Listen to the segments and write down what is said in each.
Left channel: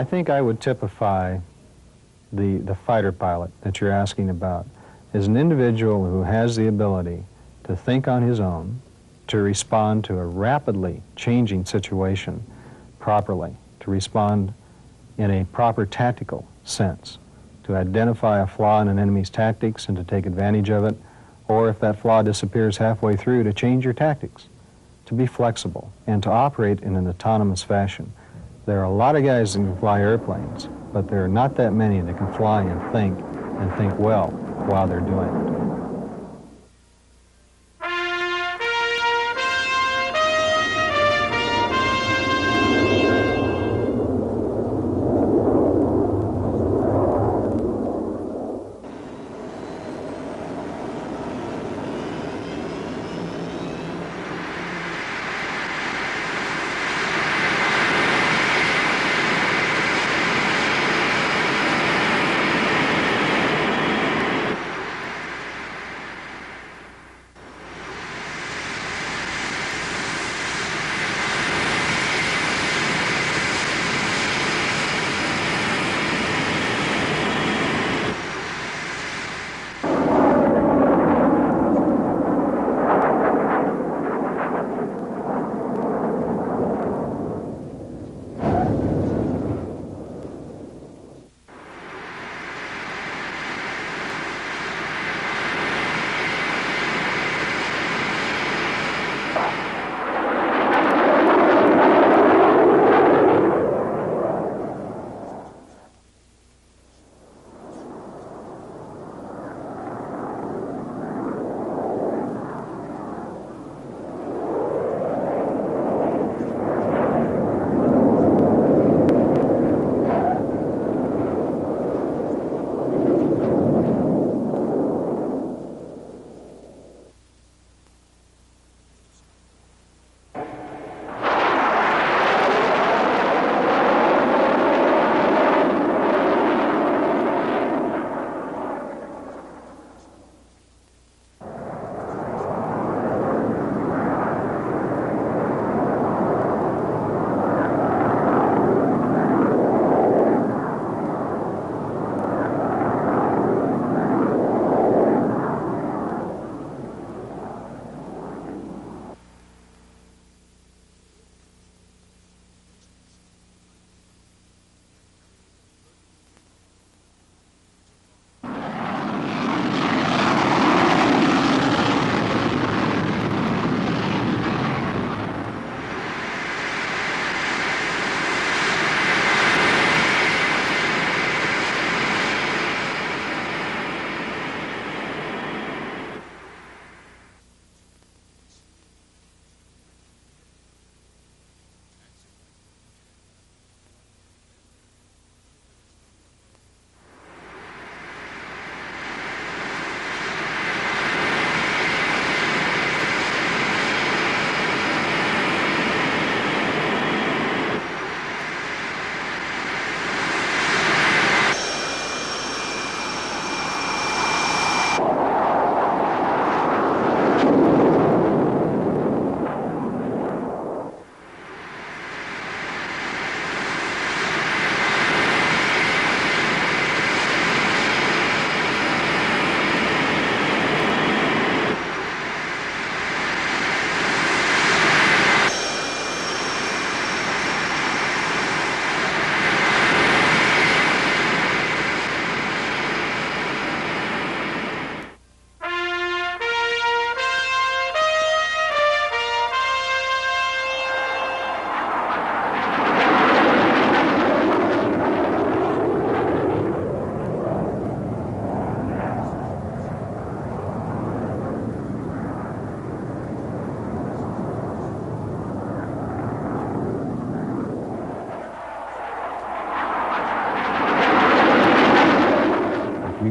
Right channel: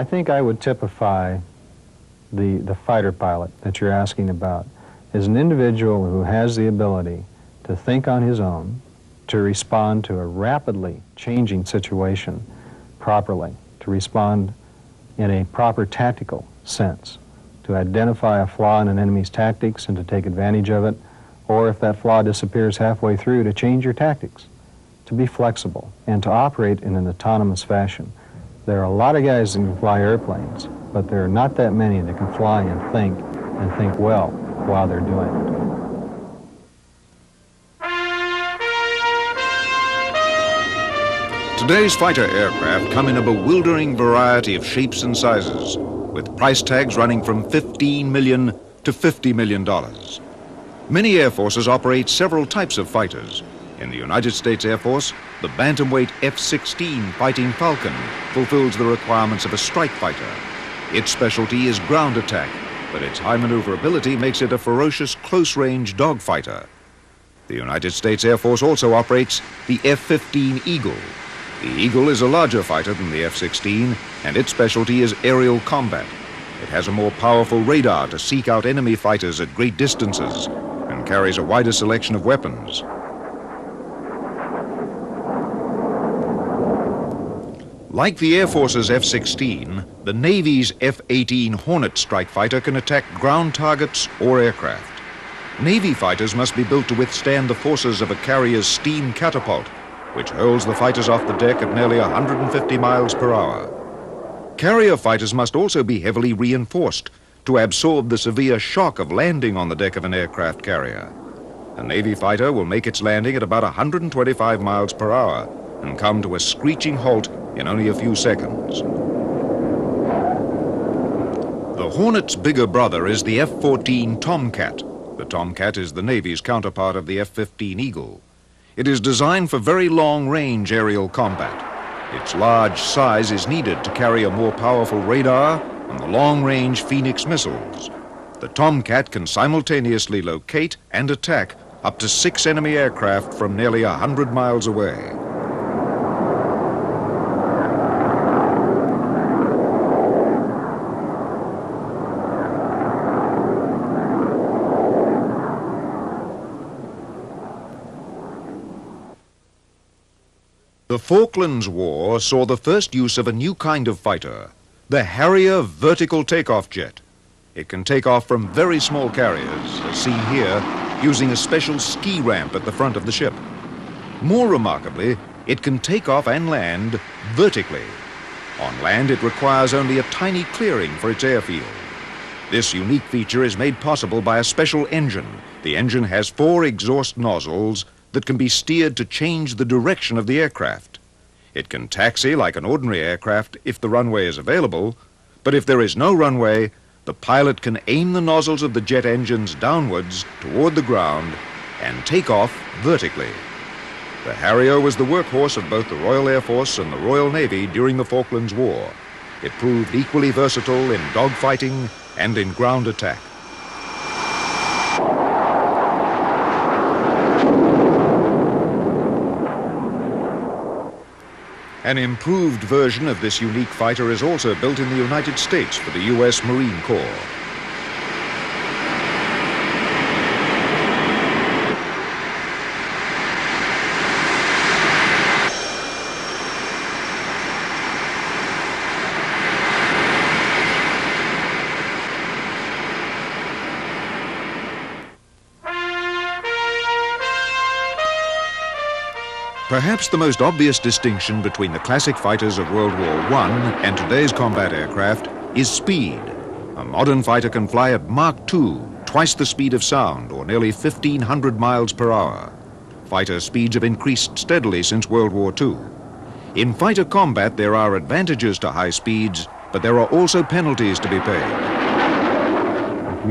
I think I would typify the fighter pilot that you're asking about as an individual who has the ability to think on his own, to respond to a rapidly changing situation properly, to respond in a proper tactical sense, to identify a flaw in an enemy's tactics and to take advantage of it, or if that flaw disappears halfway through, to change your tactics, to be flexible, and to operate in an autonomous fashion. There are a lot of guys that can fly airplanes, but there are not that many that can fly and think well while they're doing it.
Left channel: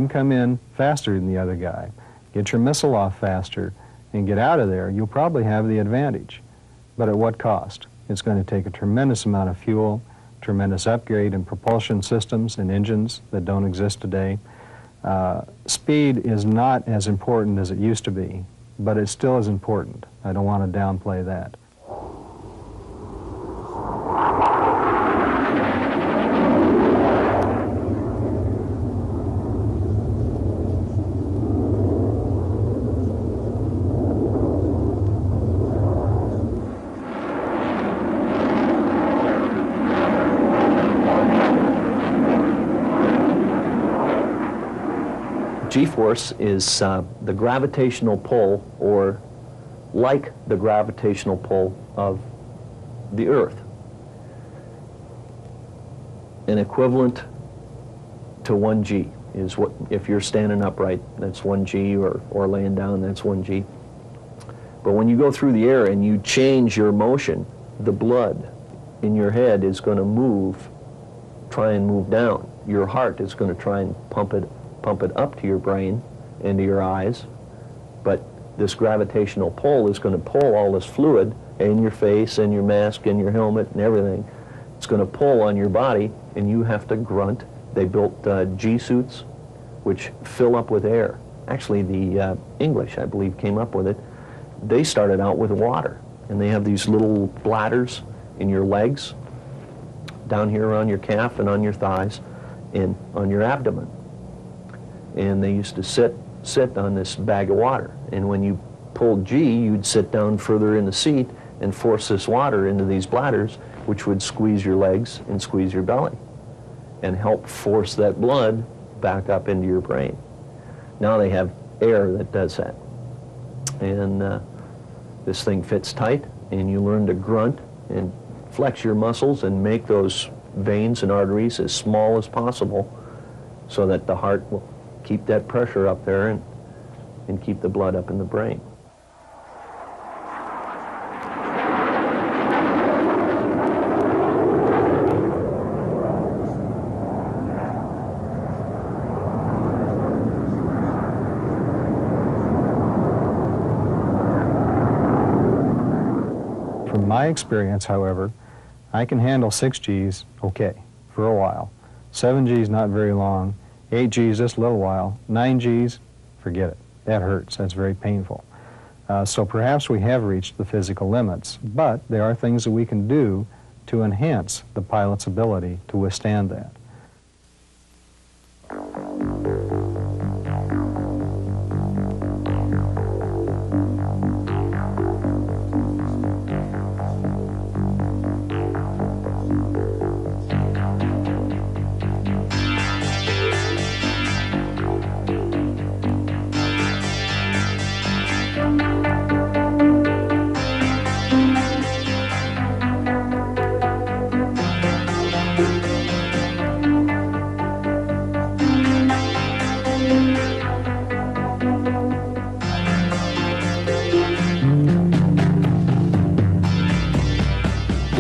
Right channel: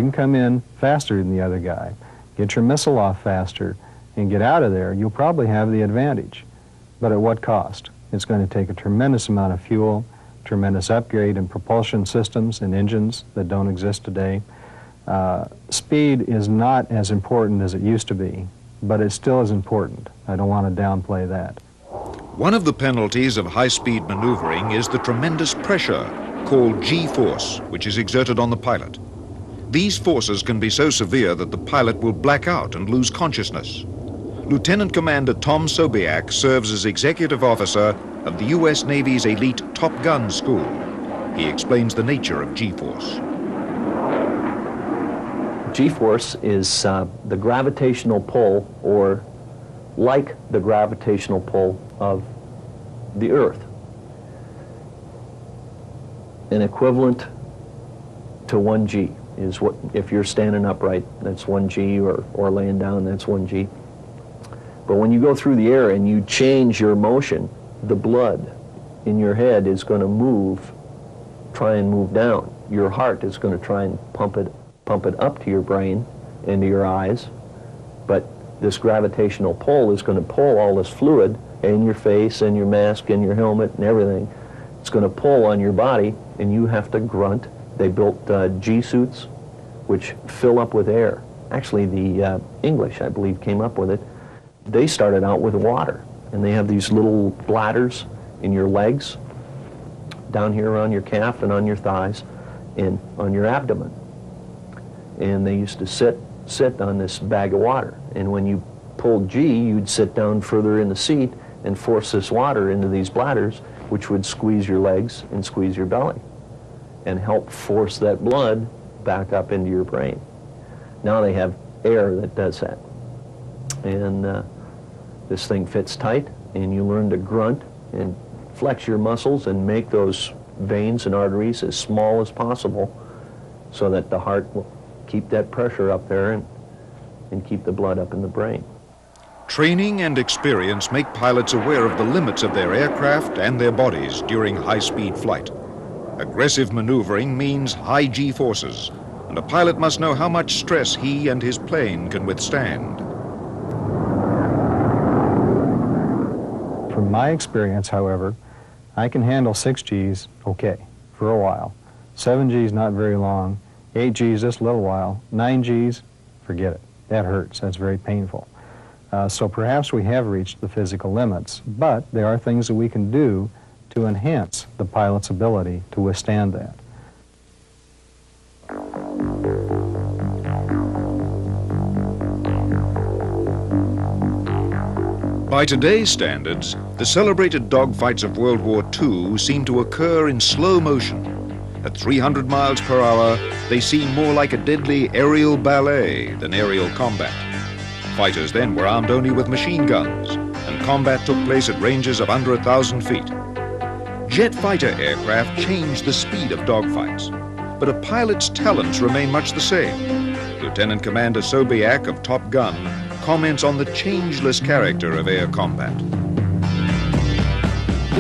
Come in faster than the other guy, get your missile off faster, and get out of there, you'll probably have the advantage. But at what cost? It's going to take a tremendous amount of fuel, tremendous upgrade in propulsion systems and engines that don't exist today. Speed is not as important as it used to be, but it still is important. I don't want to downplay that. G-force is the gravitational pull, or like the gravitational pull of the Earth. An equivalent to 1G is what, if you're standing upright, that's 1G, or laying down, that's 1G. But when you go through the air and you change your motion, the blood in your head is going to try and move down. Your heart is going to try and pump it up to your brain and to your eyes. But this gravitational pull is going to pull all this fluid in your face and your mask and your helmet and everything. It's going to pull on your body, and you have to grunt. They built G-suits, which fill up with air. Actually, the English, I believe, came up with it. They started out with water, and they have these little bladders in your legs, down here on your calf and on your thighs, and on your abdomen. And they used to sit on this bag of water. And when you pulled G, you'd sit down further in the seat and force this water into these bladders, which would squeeze your legs and squeeze your belly and help force that blood back up into your brain. Now they have air that does that. And this thing fits tight, and you learn to grunt and flex your muscles and make those veins and arteries as small as possible so that the heart will keep that pressure up there and keep the blood up in the brain. From my experience, however, I can handle 6Gs okay for a while. 7Gs not very long. 8Gs just a little while. 9Gs, forget it. That hurts. That's very painful. So perhaps we have reached the physical limits, but there are things that we can do to enhance the pilot's ability to withstand that.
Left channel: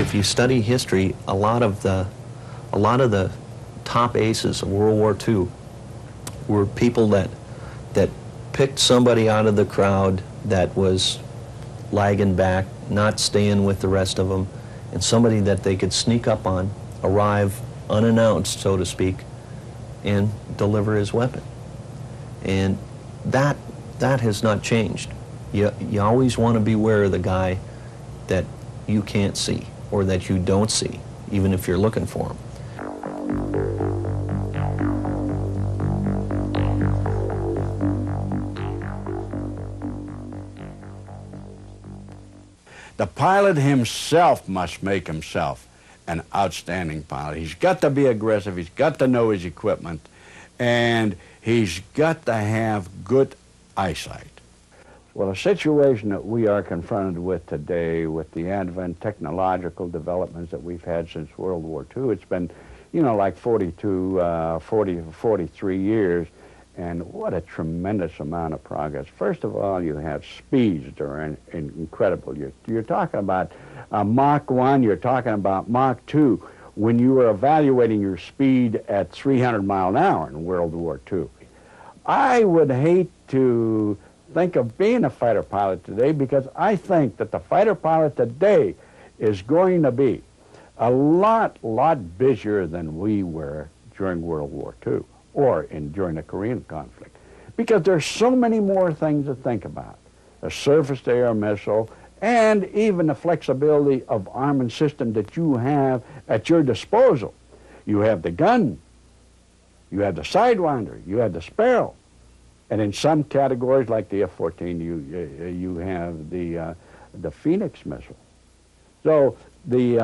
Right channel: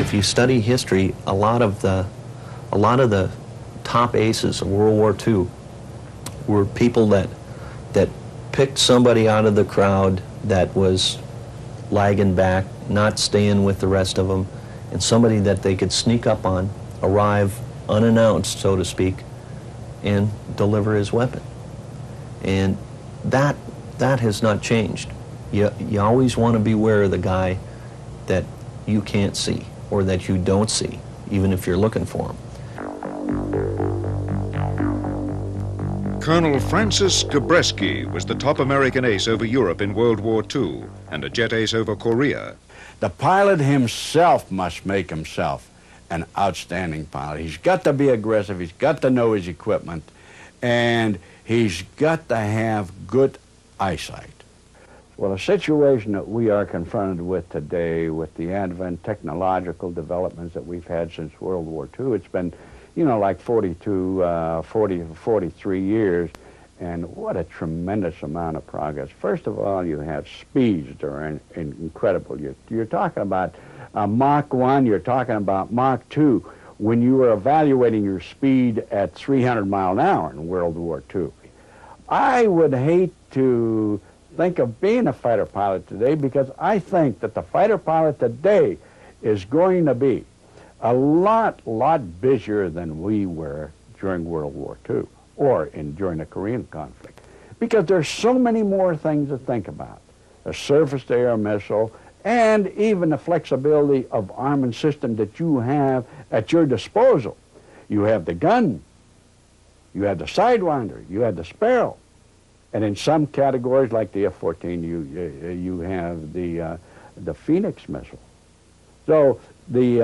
If you study history, a lot of the top aces of World War II were people that picked somebody out of the crowd that was lagging back, not staying with the rest of them, and somebody that they could sneak up on, arrive unannounced, so to speak, and deliver his weapon. And that has not changed. You always want to beware of the guy that you can't see, or that you don't see, even if you're looking for them. The pilot himself must make himself an outstanding pilot. He's got to be aggressive, he's got to know his equipment, and he's got to have good eyesight. Well, a situation that we are confronted with today, with the advent technological developments that we've had since World War II, it's been, you know, like 43 years, and what a tremendous amount of progress. First of all, you have speeds that are incredible. You're talking about Mach 1, you're talking about Mach 2, when you were evaluating your speed at 300 miles an hour in World War II. I would hate to think of being a fighter pilot today, because I think that the fighter pilot today is going to be a lot busier than we were during World War II or during the Korean conflict, because there's so many more things to think about. The surface-to-air missile, and even the flexibility of armament system that you have at your disposal. You have the gun, you have the Sidewinder, you have the Sparrow. And in some categories, like the F-14, you have the Phoenix missile. So the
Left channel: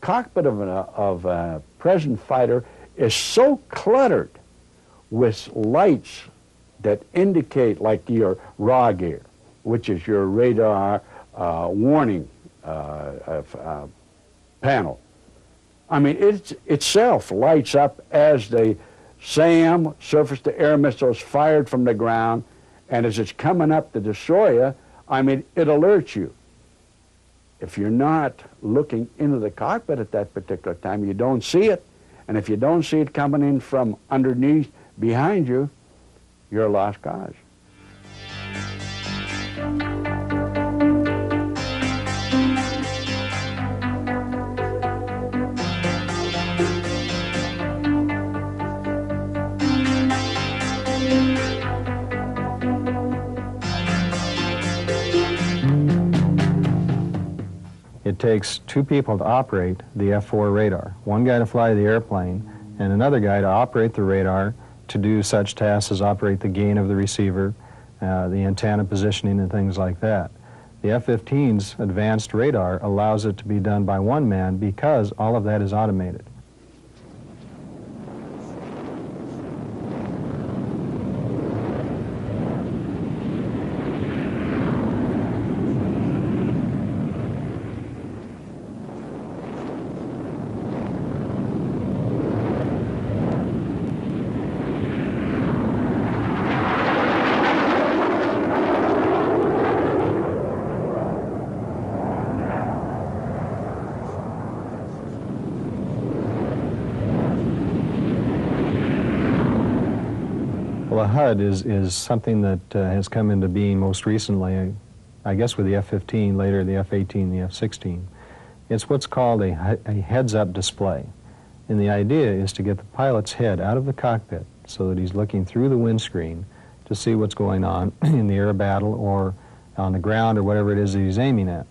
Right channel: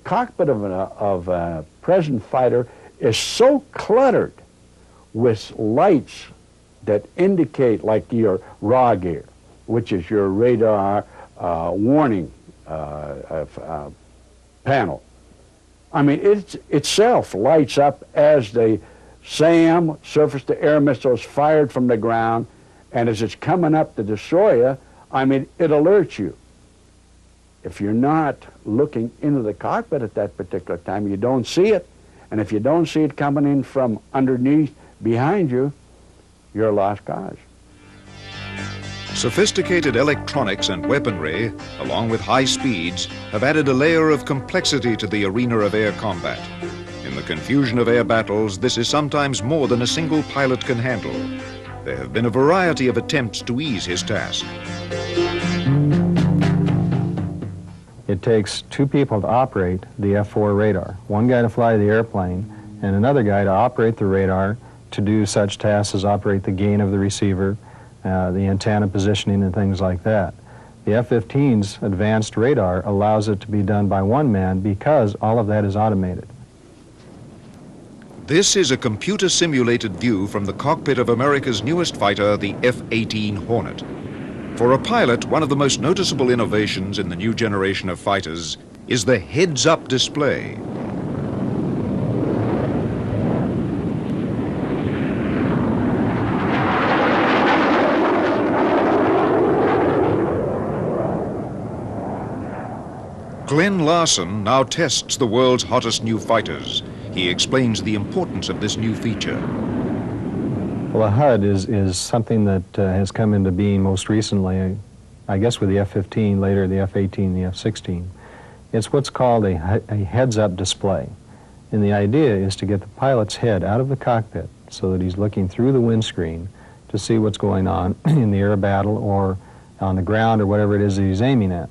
cockpit of a present fighter is so cluttered with lights that indicate, like your raw gear, which is your radar warning panel. I mean, it itself lights up as the SAM, surface-to-air missile, is fired from the ground, and as it's coming up to destroy you, I mean, it alerts you. If you're not looking into the cockpit at that particular time, you don't see it, and if you don't see it coming in from underneath, behind you, you're a lost cause. It takes two people to operate the F-4 radar. One guy to fly the airplane and another guy to operate the radar to do such tasks as operate the gain of the receiver, the antenna positioning and things like that. The F-15's advanced radar allows it to be done by one man because all of that is automated. Well, a HUD is something that has come into being most recently, I guess with the F-15, later the F-18, the F-16. It's what's called a heads-up display. And the idea is to get the pilot's head out of the cockpit so that he's looking through the windscreen to see what's going on in the air battle or on the ground or whatever it is that he's aiming at.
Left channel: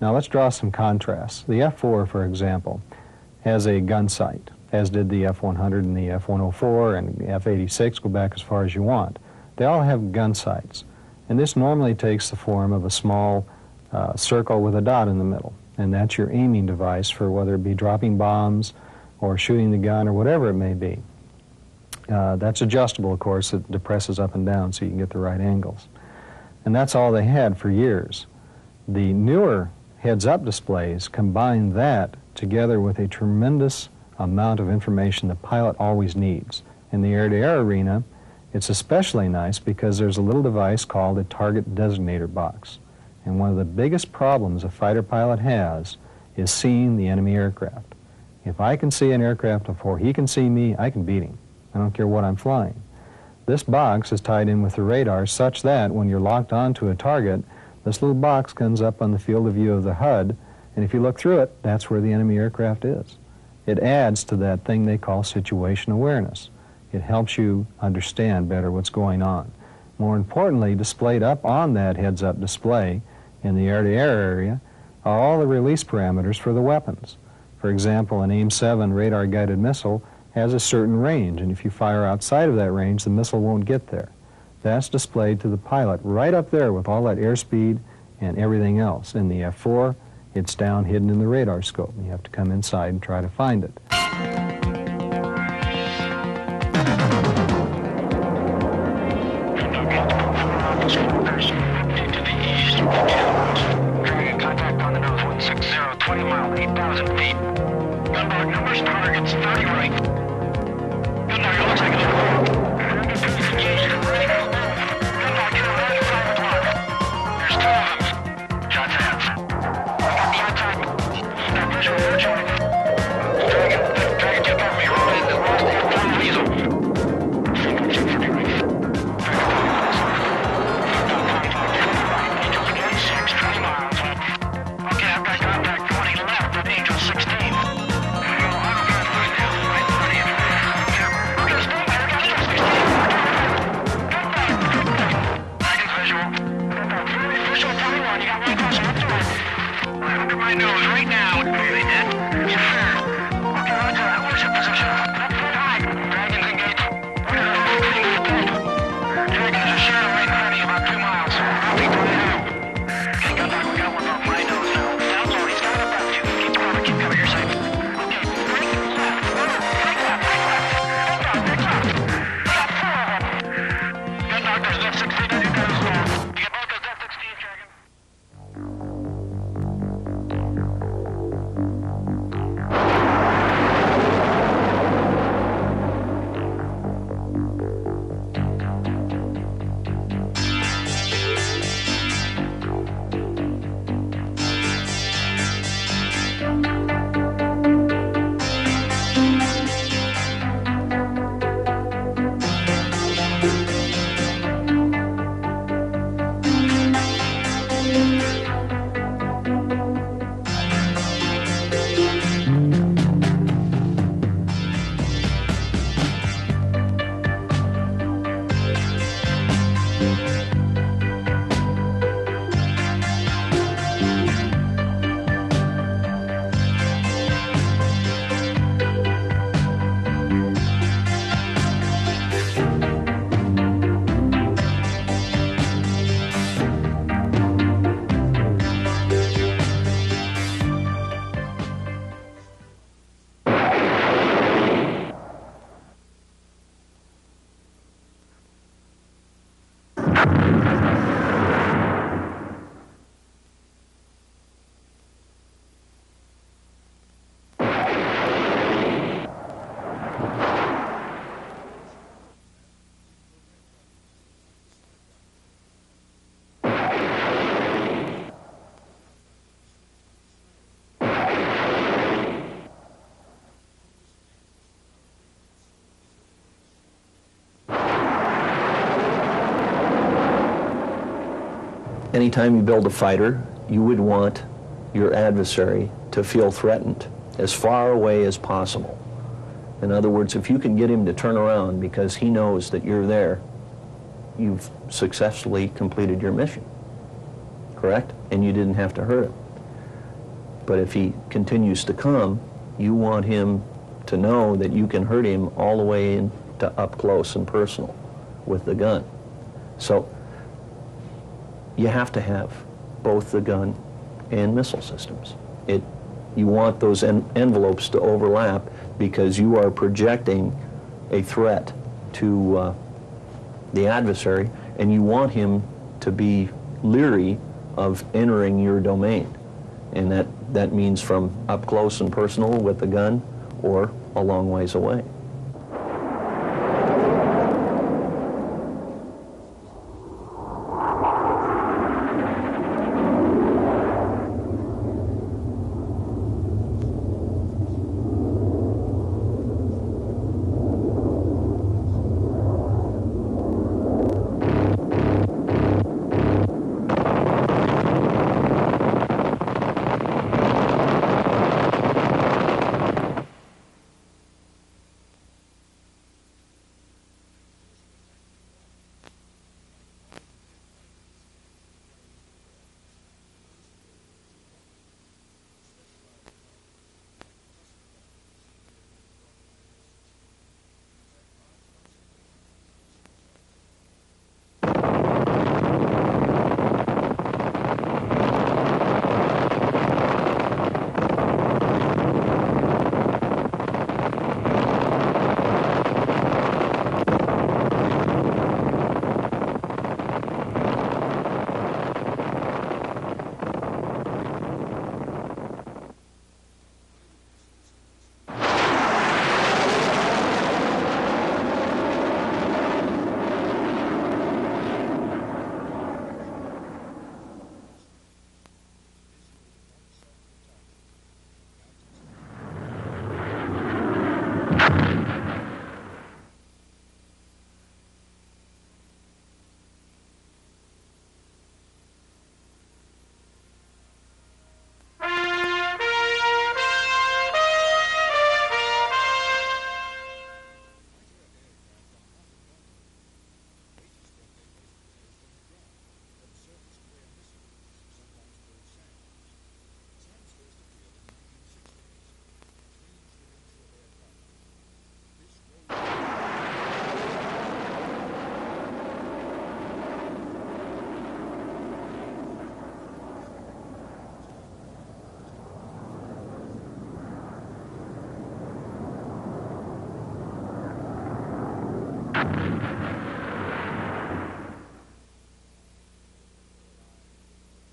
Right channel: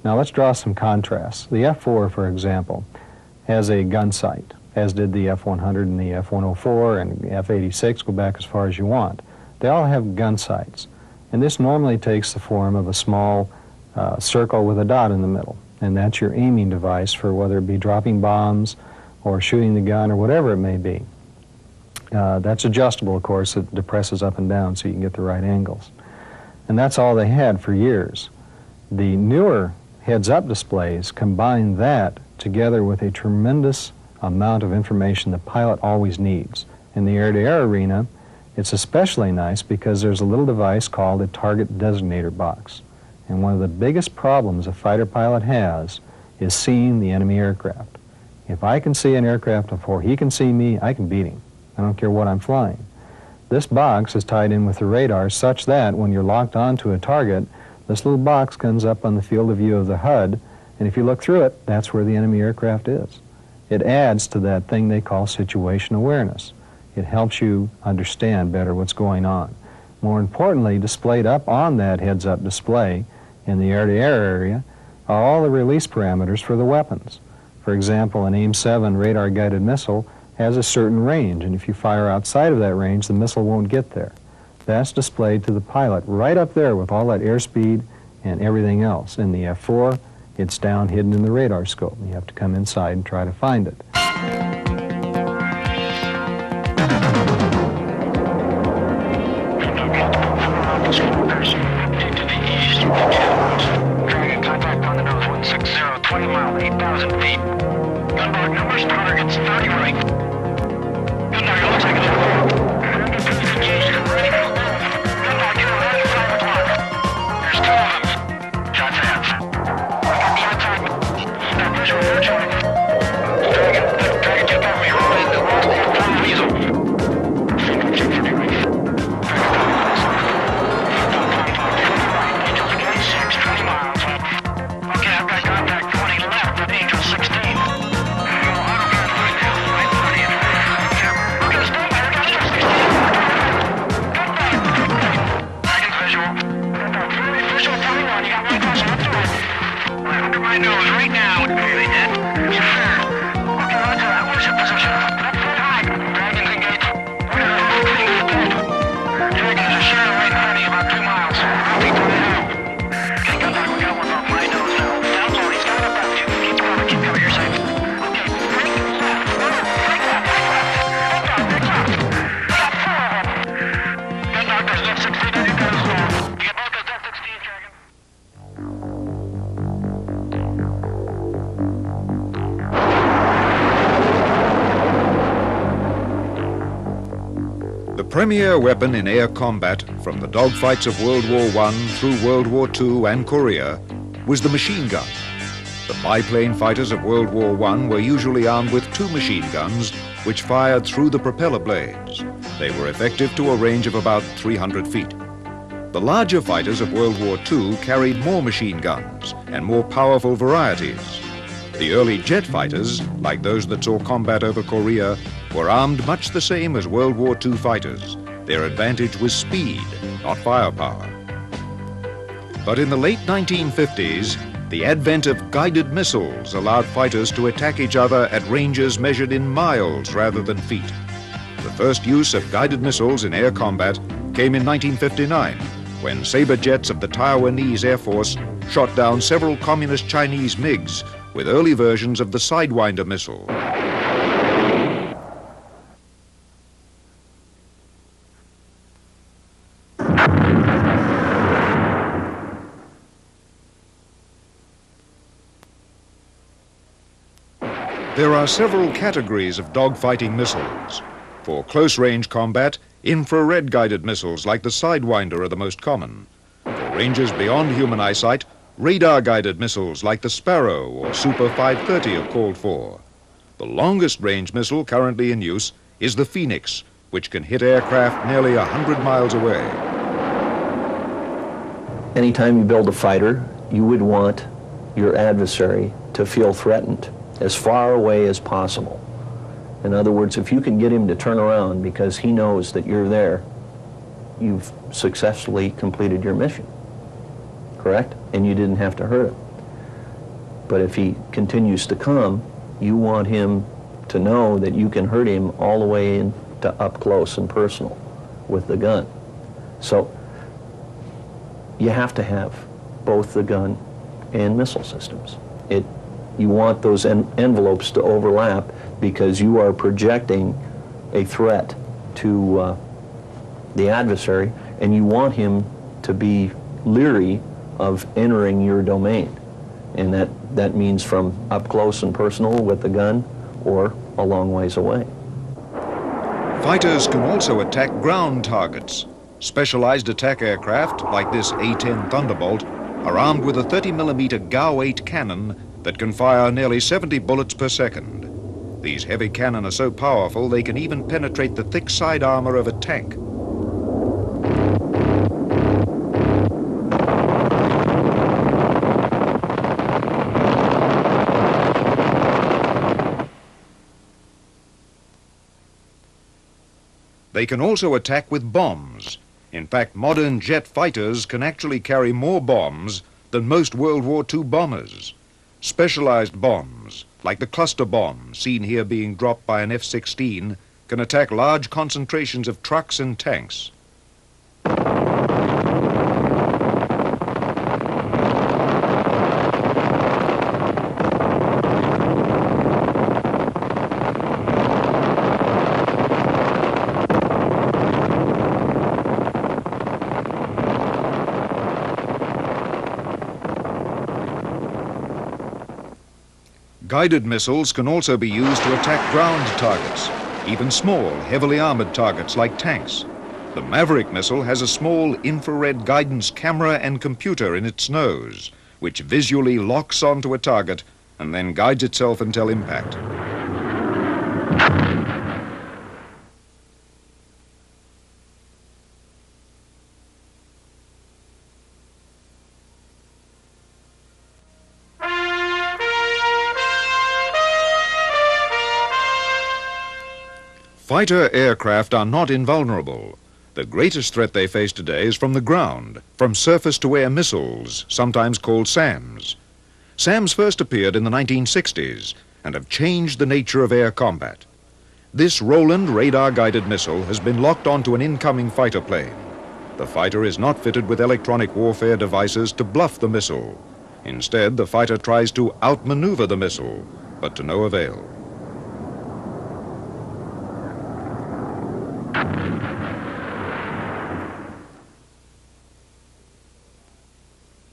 Now let's draw some contrasts. The F-4, for example, has a gun sight, as did the F-100 and the F-104 and the F-86, go back as far as you want. They all have gun sights. And this normally takes the form of a small circle with a dot in the middle. And that's your aiming device for whether it be dropping bombs or shooting the gun or whatever it may be. That's adjustable, of course. It depresses up and down so you can get the right angles. And that's all they had for years. The newer heads-up displays combine that together with a tremendous amount of information the pilot always needs. In the air-to-air arena, it's especially nice because there's a little device called a target designator box. And one of the biggest problems a fighter pilot has is seeing the enemy aircraft. If I can see an aircraft before he can see me, I can beat him. I don't care what I'm flying. This box is tied in with the radar such that when you're locked onto a target, this little box comes up on the field of view of the HUD, and if you look through it, that's where the enemy aircraft is. It adds to that thing they call situation awareness. It helps you understand better what's going on. More importantly, displayed up on that heads-up display in the air-to-air area are all the release parameters for the weapons. For example, an AIM-7 radar-guided missile has a certain range, and if you fire outside of that range, the missile won't get there. That's displayed to the pilot right up there with all that airspeed and everything else. In the F-4, it's down hidden in the radar scope. You have to come inside and try to find it. Contact on the nose, 160, 20 mile, 8,000 feet. Gunboat numbers, targets, 30 right. Gunboat looks like it's wrong. Engaged, ready for move. Gunboat, get around your 5 o'clock. There's 2 of them. Shots hands. Got the outside. Now, push with your joint. Target. anytime you build a fighter, you would want your adversary to feel threatened as far away as possible. In other words, if you can get him to turn around because he knows that you're there, you've successfully completed your mission, correct? And you didn't have to hurt him. But if he continues to come, you want him to know that you can hurt him all the way into up close and personal with the gun. So you have to have both the gun and missile systems. You want those envelopes to overlap because you are projecting a threat to the adversary, and you want him to be leery of entering your domain. And that means from up close and personal with the gun or a long ways away.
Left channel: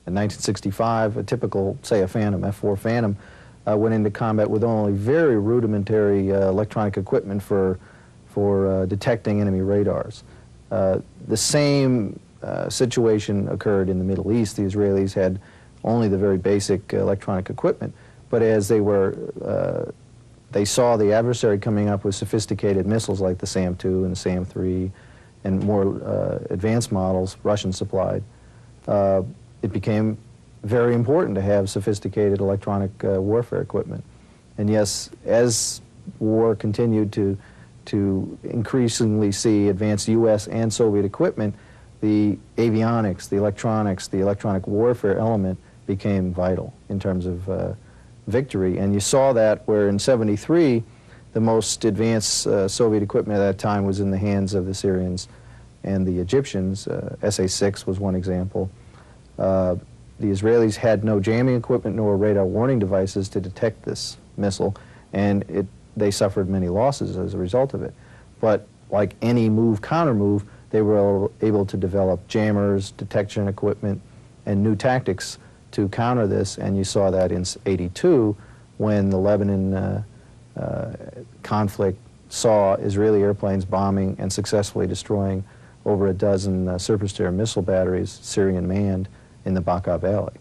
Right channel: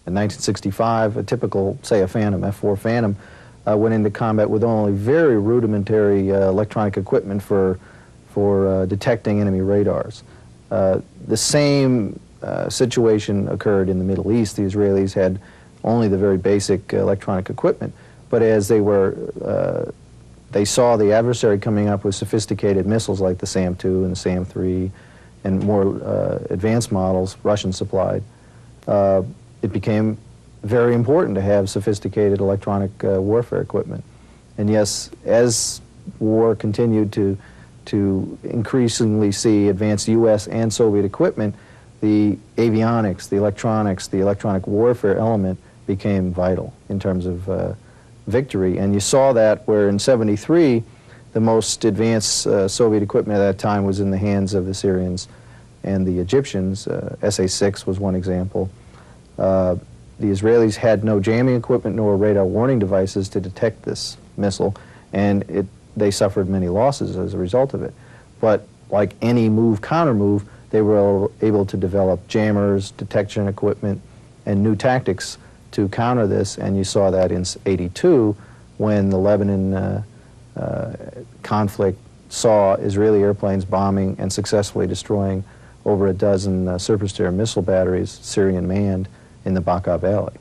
In 1965, a typical, say, a Phantom, F-4 Phantom, went into combat with only very rudimentary electronic equipment for detecting enemy radars. The same situation occurred in the Middle East. The Israelis had only the very basic electronic equipment, but as they saw the adversary coming up with sophisticated missiles like the SAM-2 and the SAM-3 and more advanced models, Russian supplied, it became very important to have sophisticated electronic warfare equipment. And yes, as war continued to increasingly see advanced U.S. and Soviet equipment, the avionics, the electronics, the electronic warfare element became vital in terms of victory. And you saw that where in '73, the most advanced Soviet equipment at that time was in the hands of the Syrians and the Egyptians. SA-6 was one example. The Israelis had no jamming equipment nor radar warning devices to detect this missile, and they suffered many losses as a result of it. But like any move-counter-move, they were able to develop jammers, detection equipment, and new tactics to counter this, and you saw that in '82 when the Lebanon conflict saw Israeli airplanes bombing and successfully destroying over a dozen surface-to-air missile batteries, Syrian-manned, in the Bekaa Valley.